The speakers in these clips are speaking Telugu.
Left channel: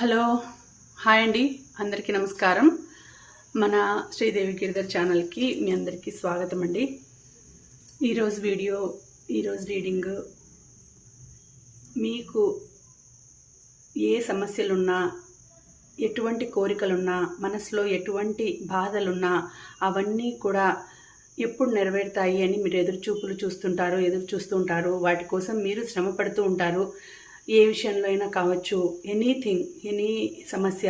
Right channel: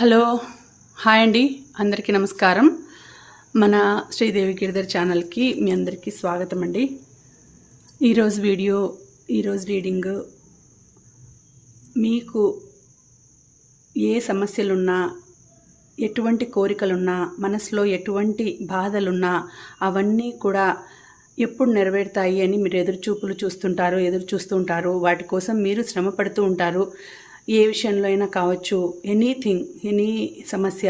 హలో హాయ్ అండి, అందరికీ నమస్కారం. మన శ్రీదేవి గిరిధర్ ఛానల్కి మీ అందరికీ స్వాగతం అండి. ఈరోజు వీడియో, ఈరోజు రీడింగ్ మీకు ఏ సమస్యలున్నా, ఎటువంటి కోరికలున్నా, మనసులో ఎటువంటి బాధలున్నా అవన్నీ కూడా ఎప్పుడు నెరవేరుతాయి అని మీరు ఎదురు చూస్తూ ఉంటారు. వాటి కోసం మీరు శ్రమ పడుతూ ఉంటారు. ఏ విషయంలో అయినా కావచ్చు, ఎనీ సమస్య,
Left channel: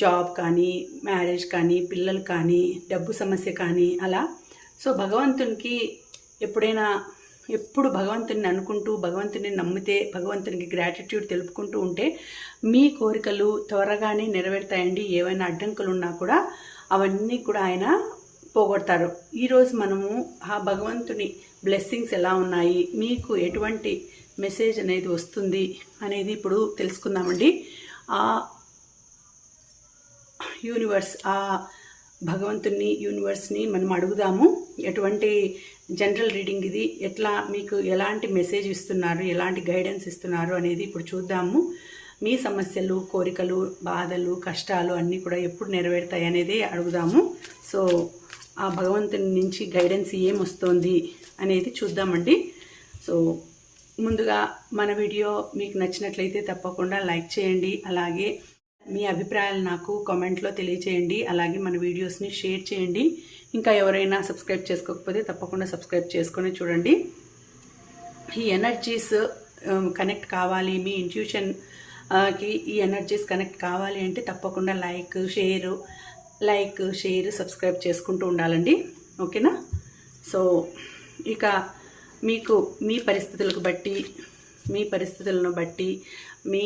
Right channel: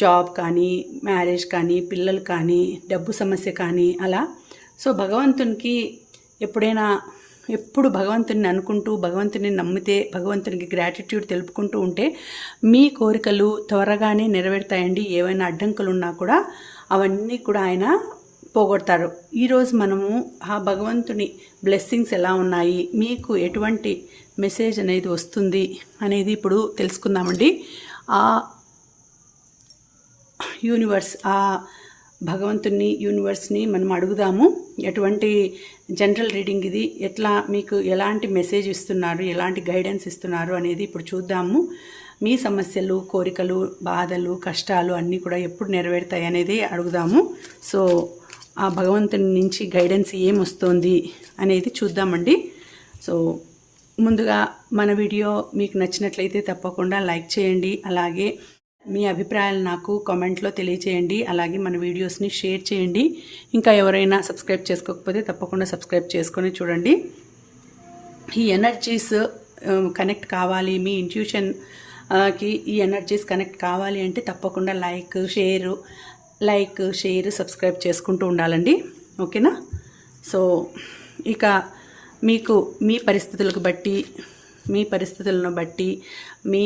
జాబ్ కానీ, మ్యారేజ్ కానీ, పిల్లలు కానీ, డబ్బు సమస్య కానీ అలా. సో భగవంతునికి ఎప్పుడు భగవంతుని అనుకుంటూ, భగవంతుని నమ్మితే, భగవంతునికి గ్రాటిట్యూడ్ తెలుపుకుంటూ ఉంటే మీ కోరికలు త్వరగానే నెరవేరుతాయండి. ఏవైనా అడ్డంకులు ఉన్నా కూడా అవన్నీ కూడా ఆయన పోగొడతారు. ఈరోజు మనము ఆ భగవంతుని బ్లెస్సింగ్స్ ఎలా ఉన్నాయి, మీకు ఎటువంటి మెసేజ్ అనేది వస్తుంది అనేది ఇప్పుడు తెలుసుకుందామండి. ఆ యూనివర్స్ని మనం అడుగుదాము. ఎటువంటి జనరల్ రీడింగ్ ఇది, మీకు ఎలాంటి మెసేజ్ ఇస్తున్నారు, ఎలాంటి గైడెన్స్ ఇస్తున్నారు అనేది ఇప్పుడు చూద్దాము. మీ సమస్యలు, కోరికలు, బాధలు, కష్టాలు అన్నీ కూడా ఎప్పుడు నెరవేరుతాయి అనేది అడుగుదాము. సో ఆ భగవంతుని నుంచి గైడెన్స్ ఏమొస్తుంది అనేది చూద్దామండి. సో ముందుగా మన వీడియో మీకు నచ్చినట్లయితే తప్పకుండా లైక్ చేయండి. అలాగే మీ అభిప్రాయాలు నాకు కామెంట్లో తెలియచేయండి. అలాగే మన వీడియోస్ని షేర్ చేయండి. ఇంకా ఎవరైనా సబ్స్క్రైబ్ చేసుకోకపోతే తప్పకుండా సబ్స్క్రైబ్ చేసుకొని చూడండి. ఈ ఎనర్జీస్ కనెక్ట్ కావాలి, మీ ఇంట్యూషన్కి ఈ ఎనర్జీస్ కనెక్ట్ కావాలి అంటే తప్పకుండా లైక్, షేర్, సబ్స్క్రైబ్ చేసుకుంటూ ఉండాలండి. ఓకేనా? సో ఇక మీకు మీ పరిస్థితులను బట్టి, మీ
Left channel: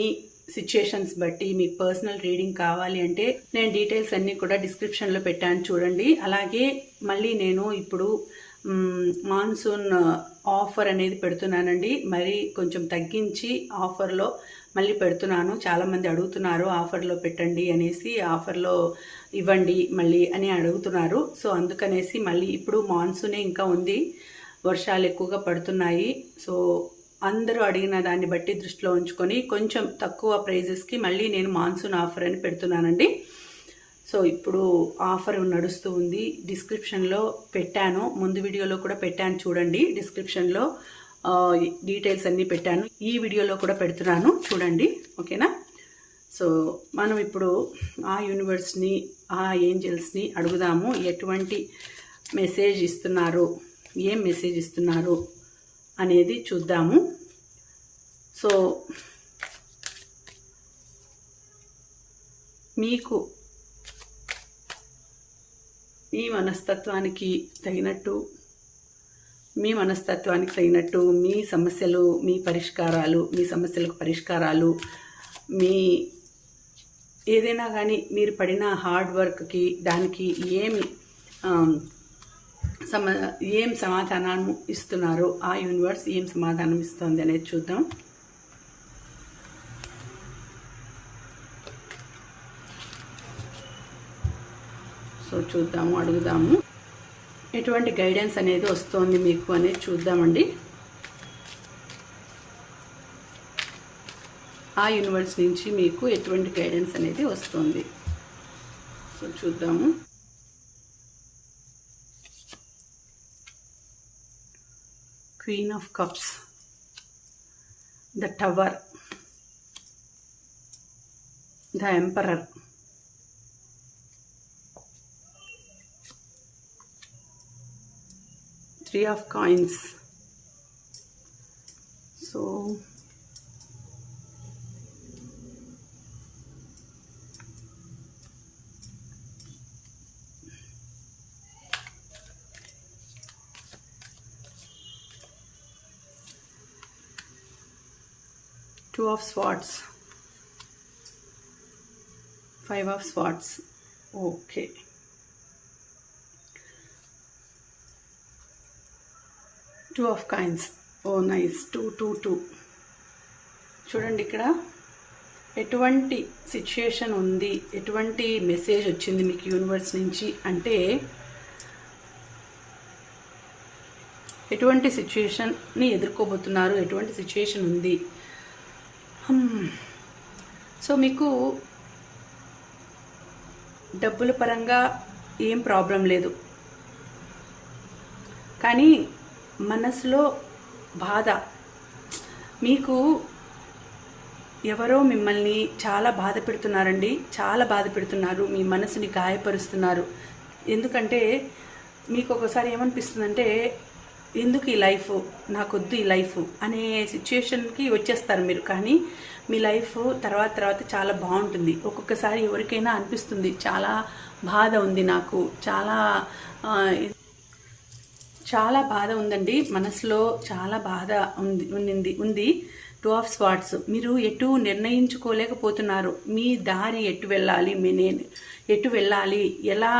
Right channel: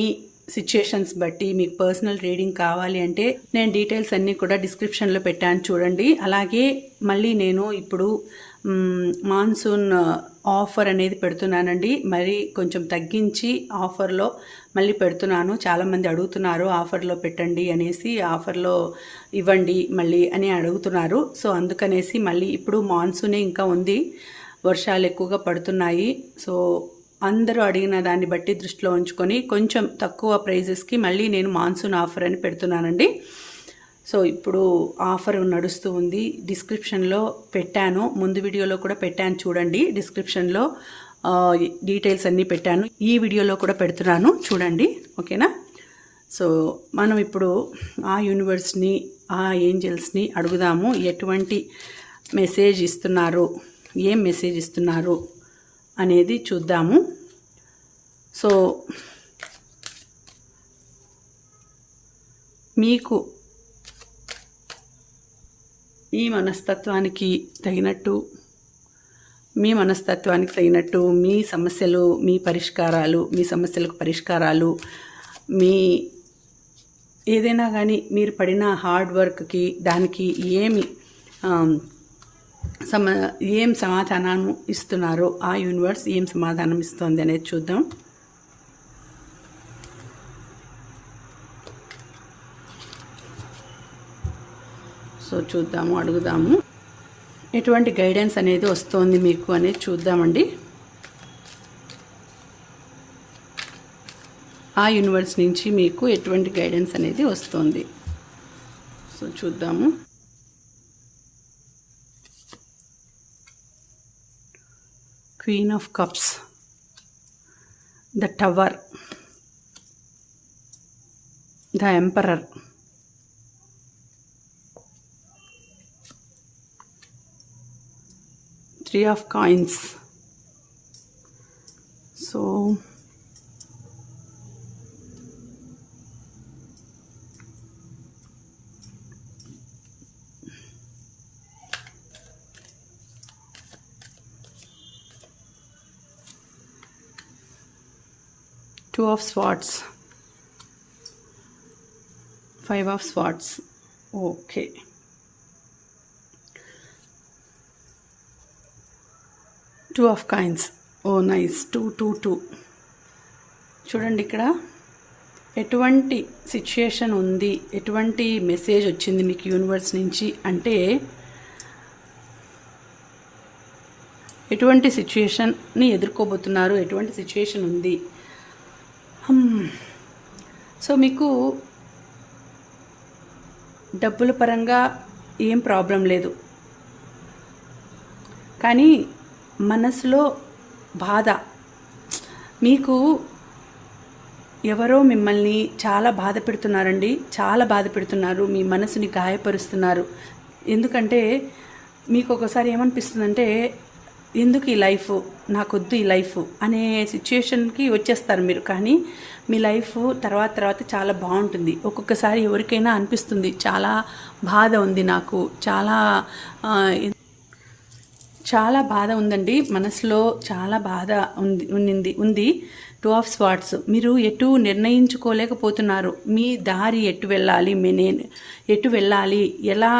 సిచ్యుయేషన్స్ బట్టి మీకు పర్సనల్ రీడింగ్ కావాలి అంటే నేను డీటెయిల్స్ అన్నీ కూడా డిస్క్రిప్షన్లో పెట్టాను, చూడండి. అలాగే మళ్ళీ నేను ఇప్పుడు మాన్సూన్ ఆఫర్ అనేది పెడుతున్నానండి. మరి కొంచెం తగ్గించి ఆఫర్లో మళ్ళీ పెడుతున్నాను. చాలామంది అడుగుతున్నారు ఆఫర్లో పెట్టండి అనేసి, ఆఫర్లో ఇవ్వండి మళ్ళీ అని అడుగుతున్నారు. సో అందుకనేసి మళ్ళీ ఇప్పుడు మాన్సూనే ఇంకా ఉంది, వర్షాలు ఎక్కువగా పడుతున్నాయి. సో అందరూ అడిగిన దాన్ని బట్టి దృష్టిలో ఉంచుకొని కొంచెం తక్కువ ప్రైజెస్కి మళ్ళీ నేను మాన్సూన్ ఆఫర్ అని పెడుతున్నానండి. సో ఇప్పుడు ఆఫర్ నడుస్తూ ఉంది. డిస్క్రిప్షన్లో పెట్టాను, ముందు వీడియోలో కూడా పెట్టాను, చూడండి. డిస్క్రిప్షన్లో డీటెయిల్స్ అన్నీ పెట్టాను. ఈ వీడియోలో కూడా పెడుతున్నాను, చూడండి. ఓకేనా? సో మనం ఇప్పుడు ఆ యూనివర్స్ని, ఆ ఏంజల్స్ని అడుగుదాము. ఎటువంటి మెసేజ్ ఇస్తున్నారు, ఏం మెసేజ్ ఇస్తున్నారు అనేది చూద్దాము. సో మీకు మీ మనస్తత్వానికి తగినట్టు, మీ సమస్యలు, మీ సమస్యలకు పరిష్కారాలు, మీ ఏదైనా కానీ మీరు పడిన హార్డ్ వర్క్కి దానికి ఏం సమాధానం ఇస్తున్నారో, ఆ యూనివర్స్ ఏం సమాధానం ఇస్తుంది అనేది చూద్దాం. సో చూద్దాము, అడుగుదాము ఎటువంటి గైడెన్స్ అనేది వస్తుంది మీకు అనేది చూద్దామండి. ఆ యూనివర్స్ నుంచి మీకు ఎటువంటి గైడెన్స్ అనేది వస్తుంది. సో చూద్దాము. Queen of Cups, the Tower, the Emperor, Three of Coins. So Two of Swords, Five of Swords. Okay. Two of Coins. Oh nice. 2. చూడండి, ఇక్కడ ఎటువంటి సిచ్యుయేషన్ ఉంది, ఎటువంటి మెసేజ్ వచ్చింది మీకు యూనివర్స్ నుంచి అంటే, ఎటువంటి సిచ్యుయేషన్ని ఎదుర్కోబోతున్నారు, ఎటువంటి సిచ్యుయేషన్ ఉంది. సో మీకు డబ్బుల పరంగా ఏం ప్రాబ్లం లేదు, కానీ మనసులో బాధ, మీకు ఎవరో మిమ్మల్ని చాలా బాధ పెడుతున్నారండి, చాలా బాధ పెడుతున్నారు, మీ మనసుని గాయపరుస్తున్నారు. ఎందుకంటే మీకు ఒకసారి ఏమనిపిస్తుందంటే ఎందుకు ఈ లైఫ్, నాకొద్దు ఈ లైఫ్ అనే సిచ్యుయేషన్కి వచ్చేస్తారు మీరు. కానీ మీ లైఫ్ తర్వాత చాలా బాగుంటుంది. ఒక్కొక్కసారి ఎవరికైనా అనిపిస్తుంది చాలా బాధ ఉంది, నాకు చాలా బాధ ఉందండి, మనసులో చాలా బాధ ఉంది. 2 ఆఫ్ స్వార్డ్స్, మీరు ఎటు నిర్ణయించుకోలేకపోతున్నారు. మీ దారి ఎటు వెళ్ళాలి, ఎటు వెళ్ళాలి, ఎలా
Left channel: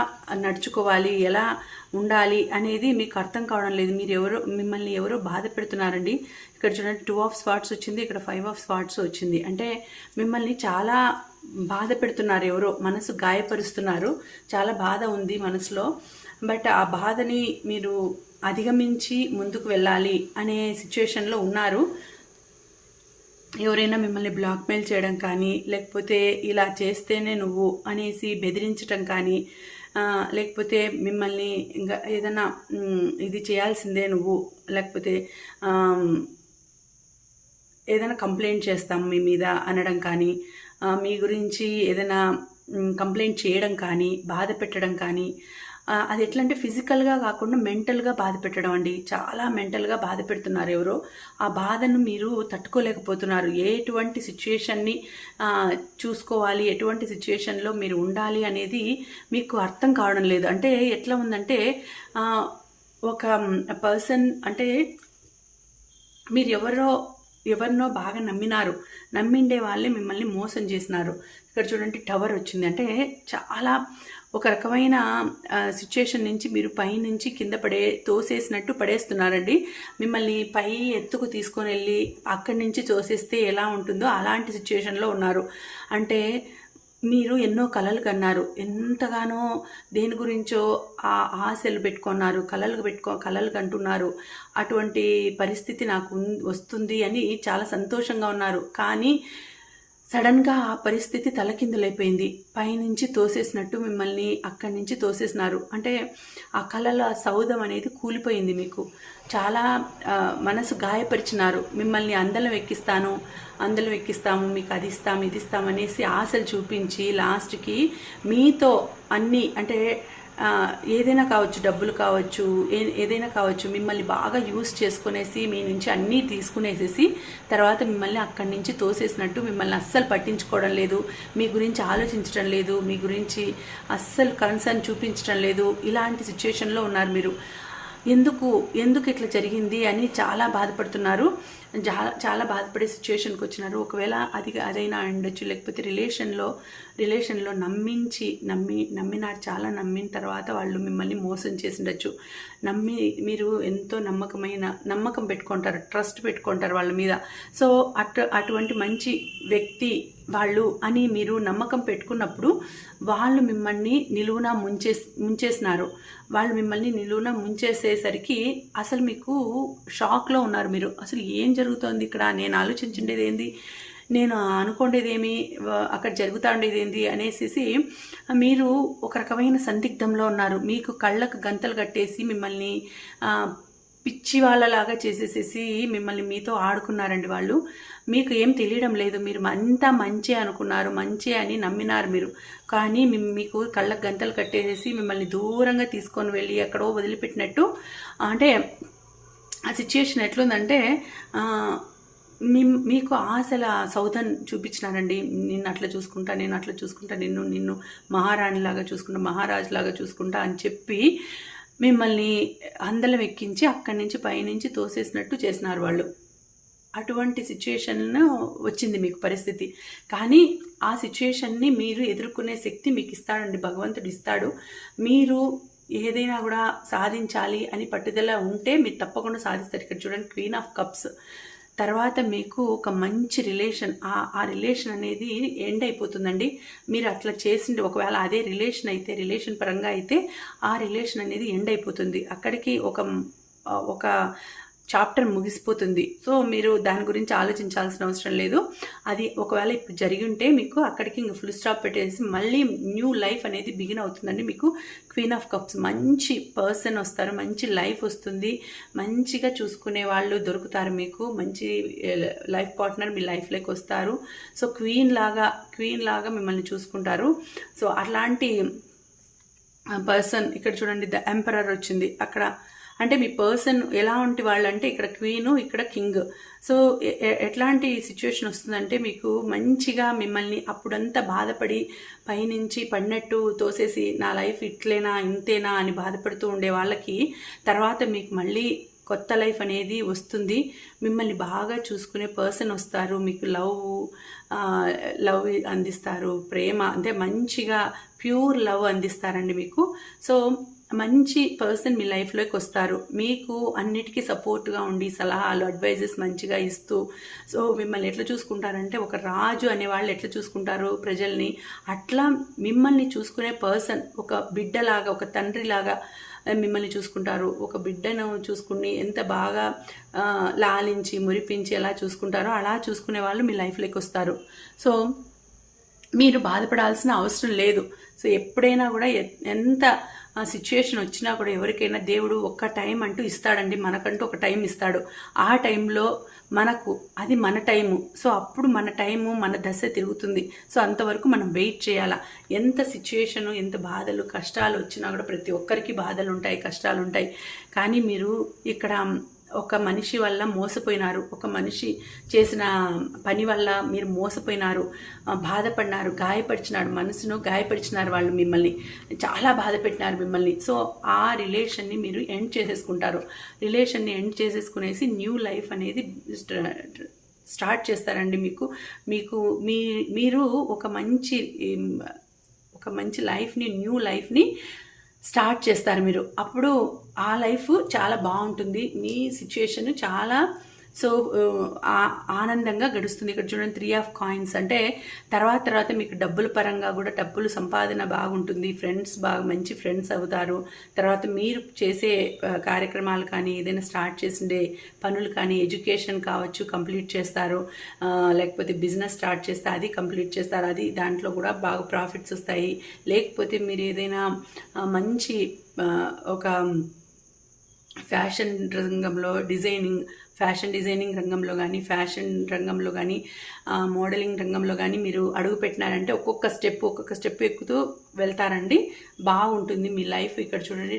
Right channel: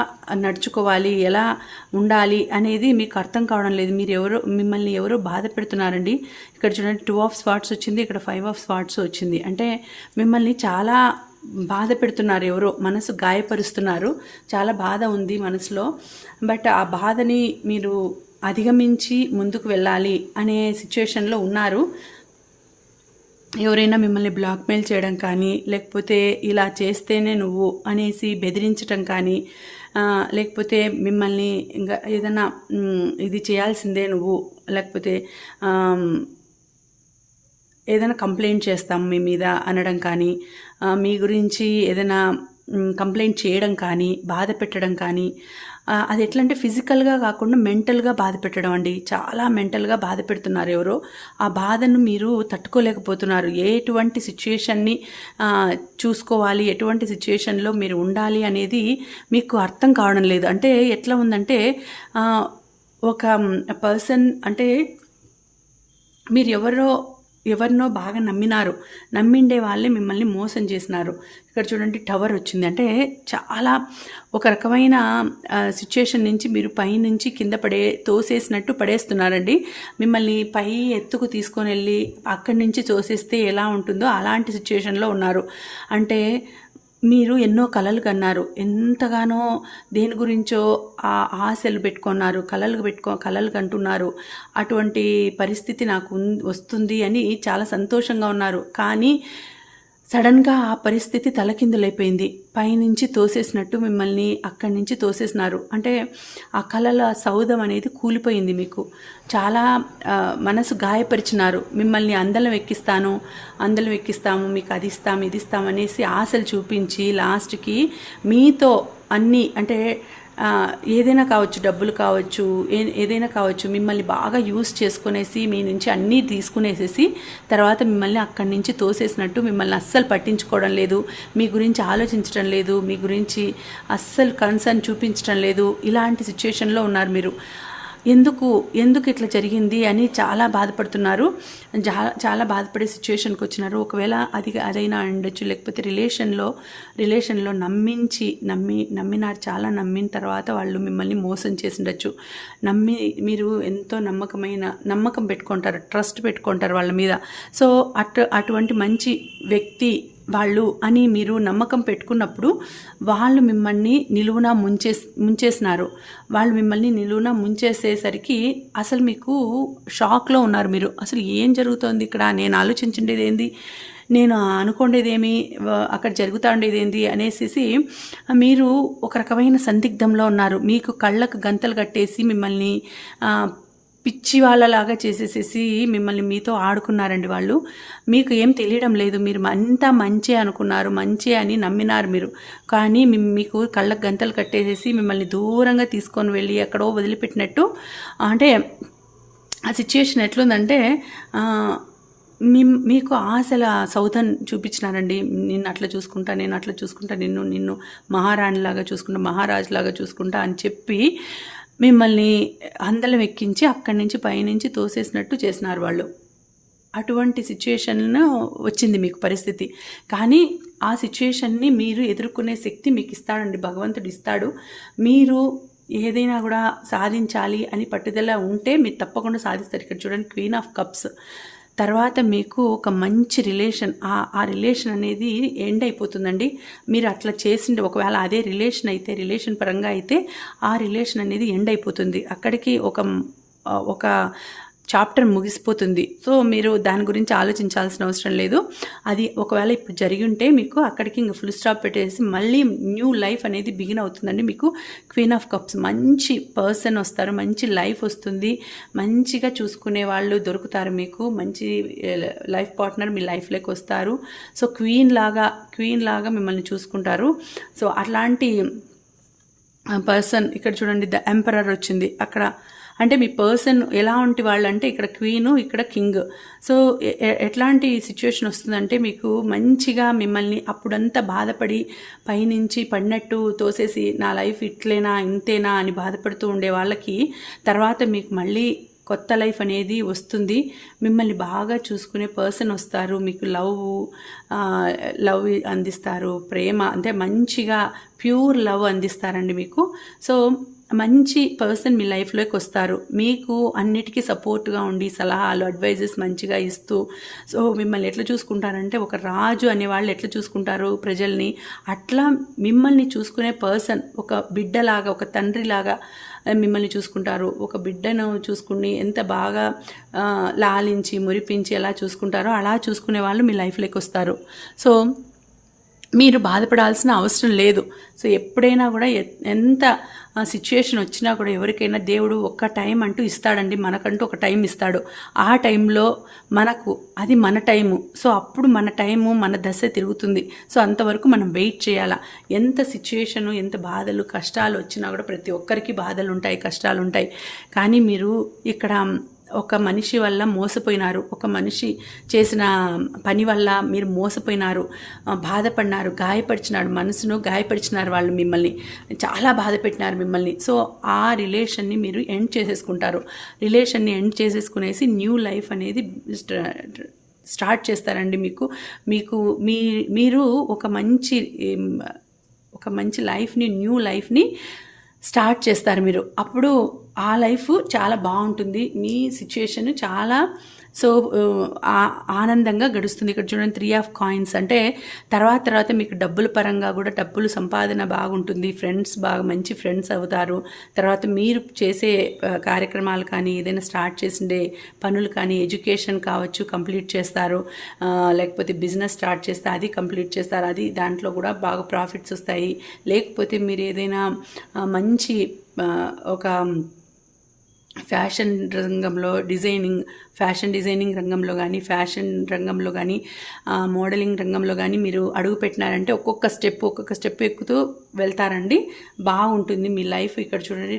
నడుచుకోవాలి, ఎలా ఉండాలి అనేది మీకు అర్థం కావడం లేదు. మిమ్మల్ని ఎవరో బాధ పెడుతున్నారండి. ఇక్కడ చూడండి 2 ఆఫ్ స్వార్డ్స్ వచ్చింది, ఇక్కడ 5 ఆఫ్ స్వార్డ్స్ వచ్చింది. అంటే మిమ్మల్ని చాలా బాధ పెడుతున్నారు, ఎవరో మనసు గాయపరుస్తున్నారు, చాలా బాధ ఉంది మనసులో. బట్ ఆ బాధని మీరు అధిగమించి ముందుకు వెళ్ళాలి అనే సిచ్యుయేషన్లో ఉన్నారు. ఎవరైనా మిమ్మల్ని బ్లాక్మెయిల్ చేయడం కానీ, లేకపోతే ఇలా చేస్తేనే నువ్వు అనేసి బెదిరించడం కానీ, లేకపోతే మిమ్మల్ని ఇంకా ఏదైనా ఇది చేయాల్సిందే నువ్వు, లేకపోతే ఏదైనా కంప్లైంట్ చేస్తాం మీ మీద అనడం కానీ, మీ గురించి ఏదైనా కంప్లైంట్ చేయడం కానీ, బాధ పెట్టడం కానీ, అది ఎట్లా అంటే ఫిజికల్గా కాకుండా మెంటల్గా బాధ పెట్టడం అండి. చాలా మెంటల్గా బాధ పెడుతున్నారు ఎవరో. ఆ బాధను మీరు తట్టుకోలేకపోతున్నారు. ఎటువంటి సిచ్యుయేషన్ని చూసుకోవాలి, ఎటువంటి సిచ్యుయేషన్లో మీరు ఉండాలి అనేది మీకు అర్థం కావడం లేదు. అంటే ఎట్లా ఉందంటే ఒక పర్సన్, అంటే మీరు ఎవరినో బాగా నమ్మిండే వాళ్ళే మిమ్మల్ని మోసం చేసినారు. ఇక్కడ చూడండి టవర్ వచ్చింది. అంటే చాలా ఒక రకమైన సిచ్యుయేషన్ నుంచి మీరు పైనుంచి కింద తోసేసినట్టు పడేస్తున్నారండి. మిమ్మల్ని పై ఎత్తుకు తీసుకొని వెళ్ళి అక్కడి నుంచి తోసేస్తే ఎలా ఉంటుందో అలాంటి సిచ్యుయేషన్లో ఉన్నారు. అంటే మీరు ఎన్నో కలలు కన్నారు, ఎంతగానో దేని గురించో ఆశలు పెట్టుకున్నారు, కలలు కంటున్నారు. అటువంటి పరిస్థితి నాకు వస్తుంది అని చాలా సంతోషంగా ఉన్నారు. కానీ సడన్గా ఆ పరిస్థితి తలకిందులైపోయింది. పైనుంచి తోసేసినట్టు మిమ్మల్ని అక్కడి నుంచి తోసేసినారు. అంటే ఆ కళల సౌధం అనేది కూలిపోయింది. మీకు చాలా మనసు గాయపరిచినారు. మిమ్మల్ని అందలం ఎక్కిస్తాము, మీకు అది ఇస్తాము, ఇది ఇస్తాము అనేసి ఆశలు చూపించి లాస్ట్కి మీతో అన్నీ, అంటే ఏదైనా కావచ్చు, డబ్బులు కావచ్చు, ఏదైనా కావచ్చు, మిమ్మల్ని బాగా యూస్ చేసుకునేసి మీ నుంచి అన్నీ తీసుకునేసేసి తర్వాత మిమ్మల్ని అక్కడి నుంచి తోసేసినట్టు, మిమ్మల్ని అస్సలు పట్టించుకోవడం లేదు, మీ గురించి ఆలోచించడం లేదు, మీ గురించి అస్సలు కన్సర్న్ చూపించడం లేదు. ఇలాంటి సిచ్యుయేషన్లో ఉన్నారు మీరు. ఎందుకు ఇట్లా జరిగింది అని చాలా బాధపడుతున్నారు, చాలా బాధపడే సిచ్యుయేషన్కి వచ్చినారు. ఒకవేళ అదైనా ఉండొచ్చు, లేకపోతే రిలేషన్లో నమ్మినారు, చాలా నమ్మిన తర్వాత వాళ్ళు మిమ్మల్ని మోసం చేసి ఉండొచ్చు. మీరు ఎంతో నమ్మకం పెట్టుకుంటారు, ట్రస్ట్ పెట్టుకుంటారు వాళ్ళ మీద. సో అటువంటి మంచి వ్యక్తి వాళ్ళు అని మీరు నమ్మకం పెట్టుకున్నప్పుడు వాళ్ళు మిమ్మల్ని నిలువునా ముంచేసినారు. వాళ్ళు మిమ్మల్ని నిలువునా ముంచేసేసరికి అసలు మీకు షాక్లో ఉన్నారు మీరు. అసలు ఏం జరుగుతోంది ఇక్కడ, నేను ఆలోచించుండేది ఏంది, నేను అనుకోండేదేమి, అక్కడ జరుగుతూ ఉండేది ఏంది అనేసి మీరు ఒక రకమైన సందిగ్ధంలో ఉన్నారు. మీకు కళ్ళకు గంతలు కట్టేసి మిమ్మల్ని పిచ్చి వాళ్ళలాగా చేసేసేసి మిమ్మల్ని మీతో ఆడుకున్నారండి వాళ్ళు. మీకు ఏం తెలియడం లేదు, మీరు అంతా మంచి అనుకున్నారు, మంచి అని నమ్మినారు మీరు. కానీ మీకు కళ్ళకు గంతలు కట్టేసేసి మిమ్మల్ని దూరంగా తీసుకొని వెళ్ళి ఎక్కడో వదిలిపెట్టినట్టు. అంటే ఆ సిచ్యుయేషన్ ఎట్లుందంటే మీకు ఆశల సౌధం చూపించినారండి. నిన్ను అట్లా చూసుకుంటా, నేను అట్లా చూసుకుంటా, నిన్ను మహారాణిలాగా చూసుకుంటా, మహారాజులాగా చూసుకుంటా అని చెప్పి మిమ్మల్ని అందలం ఎక్కించి అక్కడి నుంచి పైనుంచి తోసేసినట్టు చేసినారు వాళ్ళు. అటువంటి సిచ్యుయేషన్ వచ్చింది మీకు పరిస్థితి. కానీ ఆ సిచ్యుయేషన్ని మీరు ఎదుర్కొనే శక్తి మీకు ఇస్తాడండి, భగవంతుడు ఇస్తాడు. మీరు ఏదైనా కూడా సాధించాలి అని పట్టుదల ఉంటే మీరు తప్పకుండా సాధిస్తారు. ఇక్కడ చూడండి క్వీన్ ఆఫ్ కప్స్. తర్వాత మీకు ఒక మంచి రిలేషన్, ఆ రిలేషన్ అనేది ఎండ్ అయిపోతుందండి. మీరు అట్లా చేసిండే ఒకవేళ అదే రిలేషన్ అయితే, రిలేషన్ పరంగా అయితే ఆ రిలేషన్ అనేది ఎండ్ అయిపోతుంది. అక్కడికి ఒక చాప్టర్ ముగిసిపోతుంది. సో మీరు దాని గురించి ఆలోచించాల్సిన అవసరం లేదు. అది ఒకవేళ ఇప్పుడు జరిగి ఉంటే మీకు అక్కడికి ఇంక ఫుల్ స్టాప్ పెట్టేసి మళ్ళీ న్యూ లైఫ్ అనేది బిగిన్ అవుతుందండి. మీకు క్వీన్ ఆఫ్ కప్స్, మంచి పర్సన్ వస్తారు, మంచి లైఫ్ వస్తుంది, మంచిగా చూసుకునే వాళ్ళు దొరుకుతారు మీకు, మంచి లైఫ్ పార్ట్నర్ మీ లైఫ్లోకి వస్తారు. సో క్వీన్ లాగా మిమ్మల్ని చూసుకుంటారు. సో అట్లాంటి పర్సన్ ఇక్కడ చూడండి, ద ఎంపరర్ వచ్చింది అక్కడ. అంటే మీ పర్సన్ ఎలా ఉంటే వాళ్ళు అంటే ఇక్కడ క్వీను, ఇక్కడ కింగ్. సో ఎట్లాంటి సిచ్యువేషన్ వస్తుందంటే మీకు మంచిగా మిమ్మల్ని అప్పుడంతా బాధపడి పైనుంచి పడినట్టు తోసేసి నా లైఫ్ ఇట్లేనా ఇంతేనా అని బాధపడుతూ ఉండే వాళ్ళకి తర్వాత మీకు మళ్ళీ కొత్త లైఫ్ అనేది వస్తుంది. మిమ్మల్ని బాగా చూసుకునే పర్సన్ వస్తారు, మీకు లవ్ అందిస్తారు, ప్రేమ అంటే మంచిగా ప్యూర్ లవ్ అందిస్తారండి మీకు. సో మంచి పర్సన్ మీ లైఫ్లోకి వస్తారు, మీకు అన్నిటికీ సపోర్ట్గా ఉండి సలహాలు అడ్వైజెస్ మంచిగా ఇస్తూ. సో మిమ్మల్ని ఎట్లా చూసుకుంటారంటే ఒక రాజు అనేవాళ్ళు ఎట్లా చూసుకుంటారు ప్రజల్ని, అట్లా మిమ్మల్ని చూసుకునే పర్సన్ ఒక బిడ్డలాగా, ఒక తండ్రిలాగా మిమ్మల్ని చూసుకుంటారు. ఒక బిడ్డను చూసుకుని ఎంత బాగా లాలించి మురిపించి ఎలా చూసుకుంటారో అలా చూసుకునే వాళ్ళు మీ లైఫ్లోకి వస్తారు. సో మీరు బాధపడాల్సిన అవసరం లేదు. సో ఎప్పుడైనా కూడా ఎంత సిచ్యుయేషన్ వచ్చినా కూడా ఎవరికైనా దేవుడు ఒక్క టైం అంటూ ఇస్తాడండి, మనకంటూ ఒక టైం ఇస్తాడు. ఆ టైంలో మనకు అది మన టైము. సో అప్పుడు మన టైము, మన దశ తిరుగుతుంది. సో అంతవరకు మనం వెయిట్ చేయాలా. ఎంత సిచ్యుయేషను, ఎంత బాధలు కష్టాలు వచ్చినా కూడా ప్రతి ఒక్కరికి బాధలు ఉంటాయి, కష్టాలు ఉంటాయి. కానీ మీరు ఇక్కడ ఒక మనిషి వల్ల మోసపోయినారు, ఒక మనిషి చేసిన పని వల్ల మీరు మోసపోయినారు, బాధపడినారు, గాయపరిచినాడు, మనసును గాయపరిచినారు, వాళ్ళు మిమ్మల్ని చాలా బాధ పెట్టినారు మిమ్మల్ని. సో ఆ రిలేషన్ని మీరు ఎండ్ చేసేసుకుంటారు. రిలేషన్ని ఎండ్ చేసేసుకునేసి న్యూ లైఫ్ అనేది స్టార్ట్ చేస్తారండి. మీరు ఒక మంచి లైఫ్ని, న్యూ లైఫ్ని స్టార్ట్ చేస్తారు మీరు. అప్పుడు ఆ లైఫ్ చాలా బాగుంటుంది, మీ సిచ్యుయేషన్ చాలా ఆనందంగా గడుస్తుంది. ఇక్కడ చూడండి 3 ఆఫ్ కాయిన్స్ అంటే తర్వాత మీకు డబ్బుల పరంగా కూడా డబ్బులు సంపాదన బాగుంటుంది, ఫ్రెండ్స్ మంచి ఫ్రెండ్స్ అవుతారు. తర్వాత మీరు చేసే కార్యక్రమాలు కానీ, ఏదైనా స్టార్ట్ చేసిండే పనులు కానీ, ఎడ్యుకేషన్ కావచ్చు కంప్లీట్ చేస్తారు, లేకపోతే బిజినెస్ స్టార్ట్ చేస్తే అది కంప్లీట్ చేస్తారు, అది దాంట్లో కూడా బాగా ప్రాఫిట్స్ వస్తాయి. లేకపోతే మీరు ఏదైనా మంచి ఒక ఫ్యాషన్ రంగంలో ఫ్యాషన్ డిజైనింగ్ రంగంలో కానీ, ఫ్యాషన్ రంగంలో కానీ, మోడలింగ్ రంగంలో కానీ మీరు అడుగు పెట్టినారంటే ఒక్కొక్క స్టెప్ ఎక్కుతూ వెళ్తారండి, బాగుంటుంది మీ లైఫ్. ఇక్కడ చూడండి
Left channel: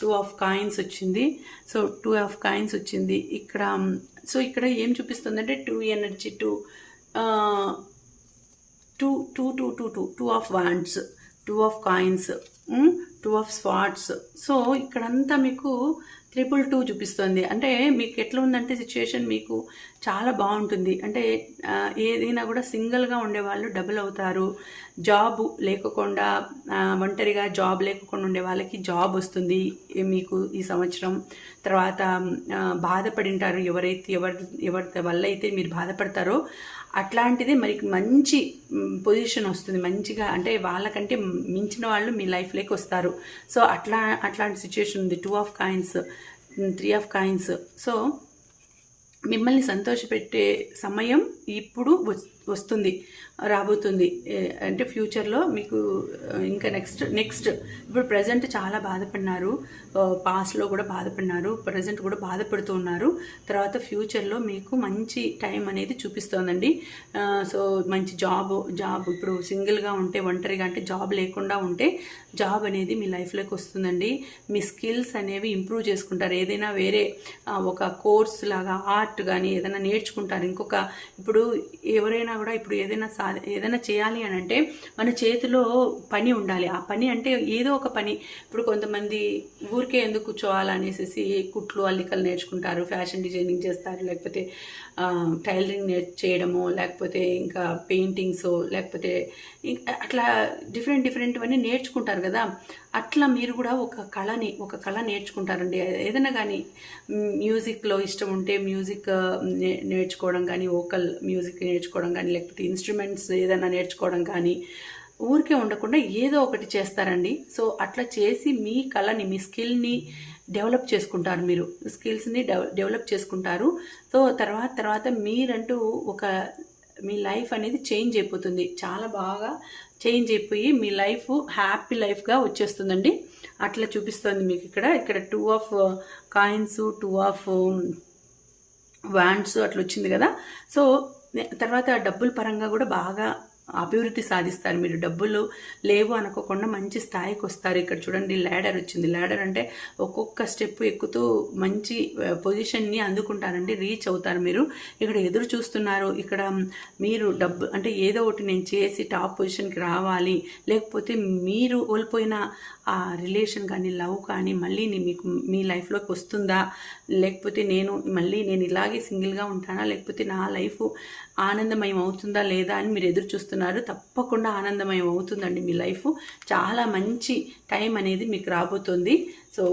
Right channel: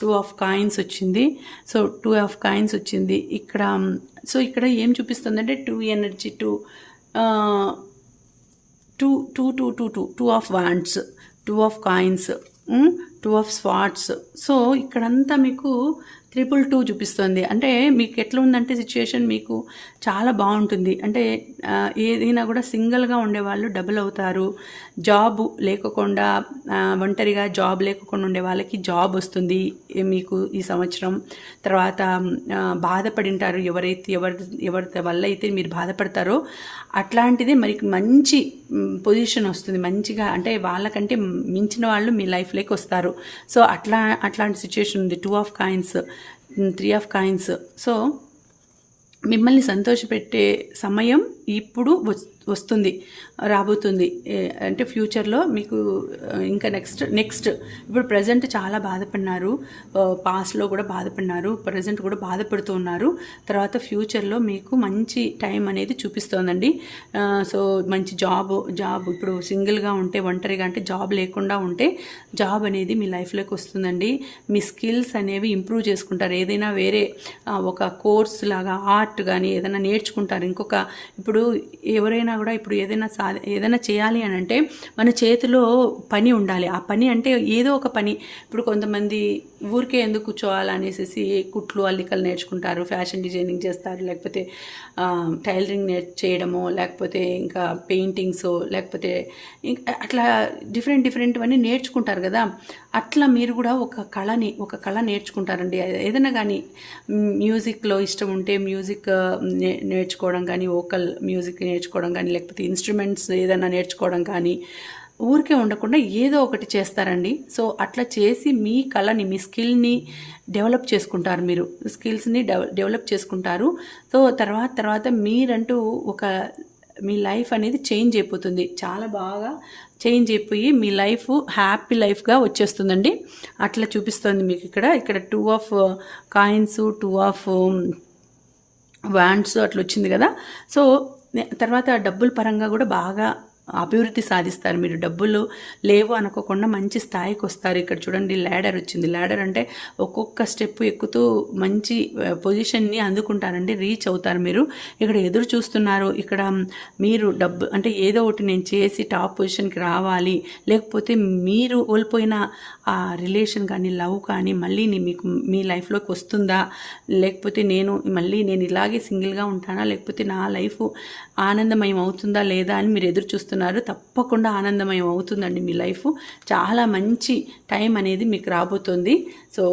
టూ ఆఫ్ కాయిన్స్ వచ్చింది. సో 2 ఆఫ్ కాయిన్స్ వచ్చింది ఇక్కడ. సో ఇక్కడ ఏం చూపిస్తుందంటే 2 energy, 2 of wands, 2 of coins, 2 of swords. So ఇక్కడంతా మీకు 222 చూపిస్తుంది. అంటే మీకు ఎట్లా ఉందంటే సిచ్యుయేషన్ మీకు చాలా బాగుంటుంది. అంటే ఏదైనా కూడా సింగిల్గా ఉండేవాళ్ళు డబుల్ అవుతారు, జాబ్ లేకుండా ఒంటరిగా జాబ్ లేకుండా ఉండే వాళ్ళకి జాబ్ వస్తుంది మీకు ఈ సంవత్సరం. తర్వాత బాధపడింటారు ఎవరి వల్ల అయితే మీరు బాధపడతారో అట్లాంటిది మరి మంచి పొజిషన్ వస్తుంది, మంచిగా అంటే వాళ్ళకంటే మించిన వాళ్ళు మీ లైఫ్లోకి వస్తారు. సో అట్లాంటి సిచ్యుయేషన్ ఉంది. 2 of coins, 3 of coins. So మిమ్మల్ని సంతోషపెట్టే సమయం ఇప్పుడు వస్తుంది, రాబోతుంది. అంటే ఫ్యూచర్లో మీకు ఇంకా నెక్స్ట్ ఇప్పుడు ప్రజెంట్ చాలా బాధపడినారు, పాస్ట్లో కూడా బాధపడినారు, ప్రజెంట్ కూడా బాధపడుతూ ఉన్నారు. తర్వాత ఫ్యూచర్లో మీకు మంచి టైం అనేది చూపిస్తోందండి. సో మంచి జాబ్ ఇప్పుడు సింగిల్గా ఉంటే, ఒంటరిగా అంటే జాబ్ లేకుండా ఉంటే జాబ్ అనేది మీ లైఫ్లోకి వస్తుందండి. మీ స్కిల్స్ అనేవి ఇంప్రూవ్ చేసుకుంటారు. ఏదైనా వేరే ఒక కోర్స్ లాగా ఆర్ట్ కానీ ఏదైనా నేర్చుకుంటారు. ఇప్పుడు ఎవరైనా కూడా ఇప్పుడు ఏదైనా చేయాలి అని అంటే మన చేతిలో పని ఉండాలి. ఆ పని అంటే ఏదో ఒక పని. ఇప్పుడు కొంతమంది ఊరికే ఎందుకు కూర్చోవాలనేసి కుట్లు అల్లికలు నేర్చుకుంటారు, ఫ్యాషన్ డిజైనింగ్ చేస్తారు, లేకపోతే టైలరింగ్ చేయడము, లేకపోతే ఇంకా పెయింటింగ్స్, లేకపోతే అట్లా డిఫరెంట్ అన్నీ నేర్చుకుంటారు కదా. అట్లా మీరు కూడా ఒక కళ నేర్చుకుంటారండి. ఏదైనా కానీ మ్యూజిక్లో ఇష్టం ఉంటే మ్యూజిక్ నేర్చుకోవడం కానీ, వోకల్ మ్యూజిక్ నేర్చుకోవడం కానీ, లేకపోతే ఇన్స్ట్రుమెంట్స్ ఏదైనా నేర్చుకోవడం కానీ, ఊరికే ఉండకుండా ఏదో ఒకటి చేస్తారండి. సో అట్లా చేసి మీ కళని, మీ స్కిల్ని డెవలప్ చేసుకుంటారు. మీరు స్కిల్స్ని డెవలప్ చేసుకుంటారు. సో తర్వాత మీరంటూ ఒక మీ లైఫ్ అనేది చేంజ్ అయిపోతుంది. చాలా బాగా చేంజ్ అయిపోయి మీ లైఫ్ హ్యాపీ లైఫ్గా వచ్చేస్తుందండి. అట్లా చూపిస్తుంది మీకు ఇక్కడ 2 ఆఫ్ కాయిన్స్, 2 ఆఫ్ వ్యాండ్స్ అట్లా వచ్చింది కదా. సో తర్వాత డబ్బుల పరంగా కూడా బాగా అభివృద్ధి సాధిస్తారు. మీరు డబ్బులు లేవు అనుకోకుండా మంచి స్థాయికి వస్తారు. ఇక్కడ చూడండి ల్యాడర్ వచ్చింది. ల్యాడర్ అంటే ఒక్కొక్క స్టెప్ ఎక్కుతూ మంచి పొజిషన్ని అందుకుంటారండి, రీచ్ అవుతారు. మీరు ఇక్కడ ఎదురు చూస్తున్నారు. ఇక్కడ మీరు డబ్బు అంటే ఏదో ఒకటి నేను చేసి టాప్ పొజిషన్కి రావాలి, లేకపోతే మీరు కోల్పోయిన ఆ రిలేషన్ కానీ లవ్ కానీ మళ్ళీ మీకు మీ లైఫ్లోకి వస్తుందా, లేకపోతే నేను ఇలాగే సింగిల్గా ఉంటానా, లేకపోతే నా లైఫ్ ఆనందమయం అవుతుందా లేదా అని మీరు ఎదురు చూస్తున్నారు. తప్పకుండా ఆనందమయం అవుతుందండి మీ లైఫ్. చాలా మంచి టైం అనేది మీకు రాబోతుంది. సో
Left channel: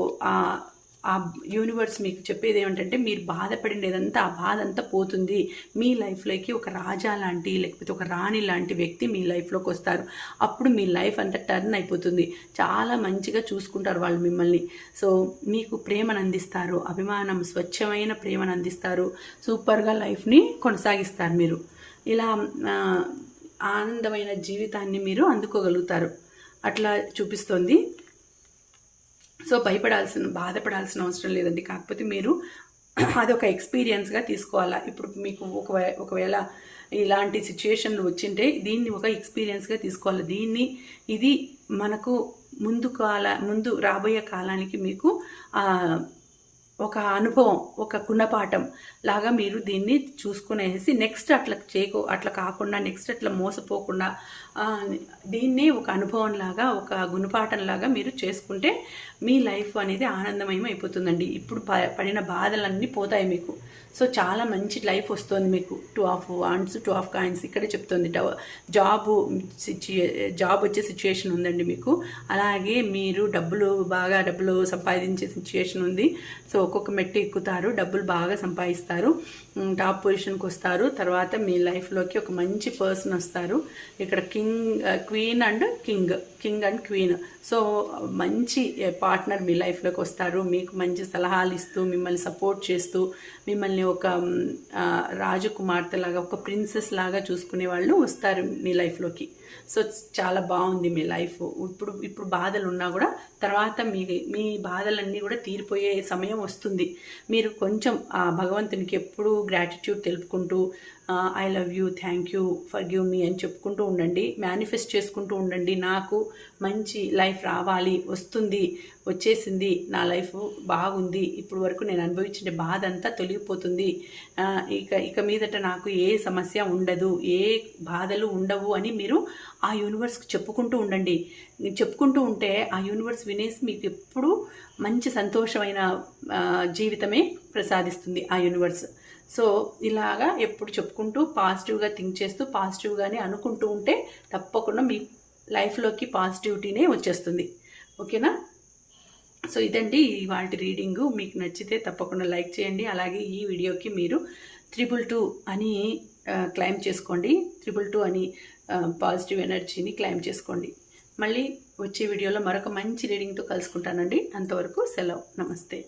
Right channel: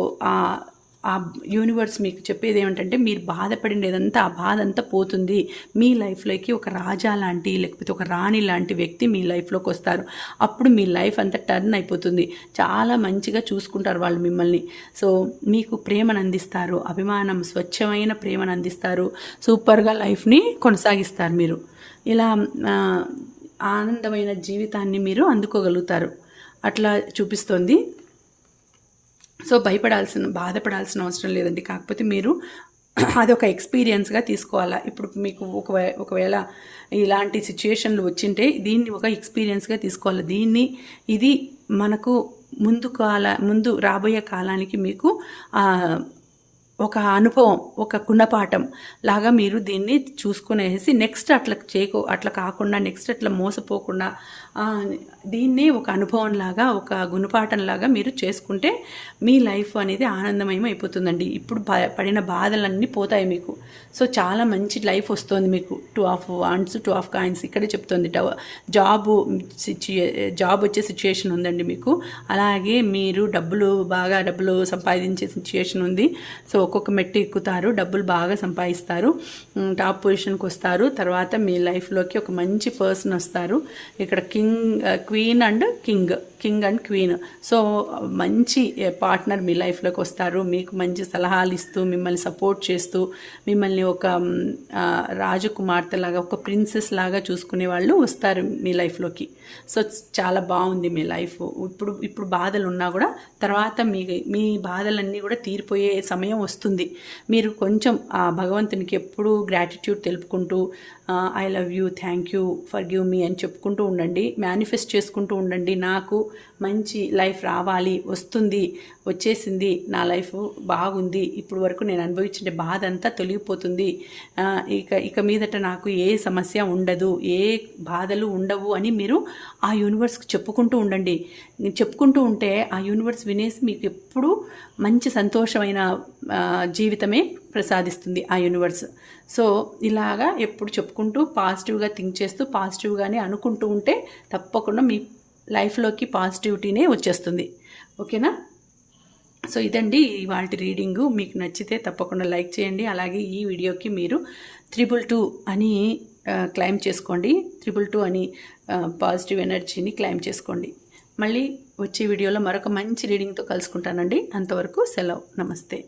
ఆ యూనివర్స్ మీకు చెప్పేది ఏమిటంటే మీరు బాధపడినదంతా ఆ బాధ అంతా పోతుంది. మీ లైఫ్లోకి ఒక రాజా లాంటి, లేకపోతే ఒక రాణి లాంటి వ్యక్తి మీ లైఫ్లోకి వస్తారు. అప్పుడు మీ లైఫ్ అంతా టర్న్ అయిపోతుంది. చాలా మంచిగా చూసుకుంటారు వాళ్ళు మిమ్మల్ని. సో మీకు ప్రేమను అందిస్తారు, అభిమానం, స్వచ్ఛమైన ప్రేమను అందిస్తారు. సూపర్గా లైఫ్ని కొనసాగిస్తారు. మీరు ఇలా ఆనందమైన జీవితాన్ని మీరు అందుకోగలుగుతారు. అట్లా చూపిస్తోంది. సో బాధపడాల్సిన అవసరం లేదండి. కాకపోతే మీరు అదొక ఎక్స్పీరియన్స్గా తీసుకోవాలా. ఇప్పుడు మీకు ఒకవేళ ఇలాంటి సిచ్యుయేషన్లు వచ్చింటే దీన్ని ఒక ఎక్స్పీరియన్స్గా తీసుకోవాలి. ఇది మనకు ముందు రాబోయే కాలానికి మీకు ఒక అనుభవం, ఒక గుణపాఠం లాగా మీరు దీన్ని చూసుకునేసి నెక్స్ట్ అట్లా కాకుండా, నెక్స్ట్ అట్లా మోసపోకుండా దీన్ని ఒక అనుభవం లాగా, ఒక గుణపాఠం లాగా మీరు చేసుకుంటే మీ లైఫ్ అనేది ఆనందమయం అయిపోతుందండి. ఇప్పుడు పడిన బాధలన్నీ పోతాయి మీకు. సో చాలా మంచి లైఫ్ వస్తుంది మీకు. 2 ఆఫ్ వాండ్స్, 2 ఆఫ్ కాయిన్స్ ఇక్కడే చెప్తుంది. జాబ్ వచ్చే సిచ్యుయేషన్ ఉందండి మీకు. అలాగే మీరు బాగా డబ్బులు సంపాదించే సిచ్యుయేషన్ ఉంది. సో ఒక్కొక్క మెట్టు ఎక్కుతారు, డబ్బులు బాగా సంపాదిస్తారు, టాప్ పొజిషన్కి వస్తారు. తర్వాత మీ లైఫ్లోకి ఒక మంచి పర్సన్ వస్తారు. ఇక్కడ క్వీన్ అండ్ క్వీన్. సో మంచి పార్ట్నర్ మీ లైఫ్లోకి వస్తారు. మీకు మంచి సలహాలు ఇస్తూ, మిమ్మల్ని సపోర్ట్ చేస్తూ, మిమ్మల్ని ఒక రాజకుమార్తె లాగా, ఒక ప్రిన్సెస్ లాగా చూసుకునే వాళ్ళు వస్తారు మీ లైఫ్లోకి. సో చాలా బాగుంది మీ లైఫ్. ఇప్పుడు బాధలు ఉన్నా కూడా తర్వాత మీ బాధలన్నీ కూడా తీరిపోయే సమయం వస్తుంది. మీరు కొంచెం ఆ భగవంతునికి ఎప్పుడూ గ్రాటిట్యూడ్ తెలుపుకుంటూ I love you, thank you, for give me అని చెప్పుకుంటూ ఉండండి. మేనిఫెస్ట్ చేసుకుంటూ ఉండండి. నాకు మంచి లైఫ్ రావాలి, వచ్చేసింది, నా లైఫ్ బాగుంది, ఇప్పుడు వరకు నేను అనుభవించిన బాధ అంతా తొలగిపోతుంది, ఇక మీదట నాకు ఏ సమస్య ఉండదు, ఏ బాధలు ఉండవు అని మీరు ఆ యూనివర్స్కి చెప్పుకుంటూ ఉండండి. చెప్పుకుంటూ ఉంటే ఆ యూనివర్స్ వినేసి మీకు ఎప్పుడూ మంచి సంతోషమైన జీవితమే ప్రసాదిస్తుంది ఆ యూనివర్స్. సో ఇలాగా ఎప్పుడు చెప్పుకుంటూ పాజిటివ్గా థింక్ చేస్తూ పాజిటివ్గానే అనుకుంటూ ఉంటే తప్పకుండా మీ లైఫ్లోకి పాజిటివిటీనే వచ్చేస్తుంది. ఓకేనా? సో ఇదండి ఇవాళ రీడింగు. మీకు నచ్చితే తప్పకుండా లైక్ చేయండి. అలాగే ఈ వీడియోకి మీరు 222 అని క్లైమ్ చేసుకోండి. 222 అని పాజిటివ్ ఎనర్జీని క్లైమ్ చేసుకోండి. మళ్ళీ వచ్చే వీడియోలో మరొక మంచి రీడింగ్తో కలుసుకుంటానండి. అంతవరకు సెలవు. నమస్తే.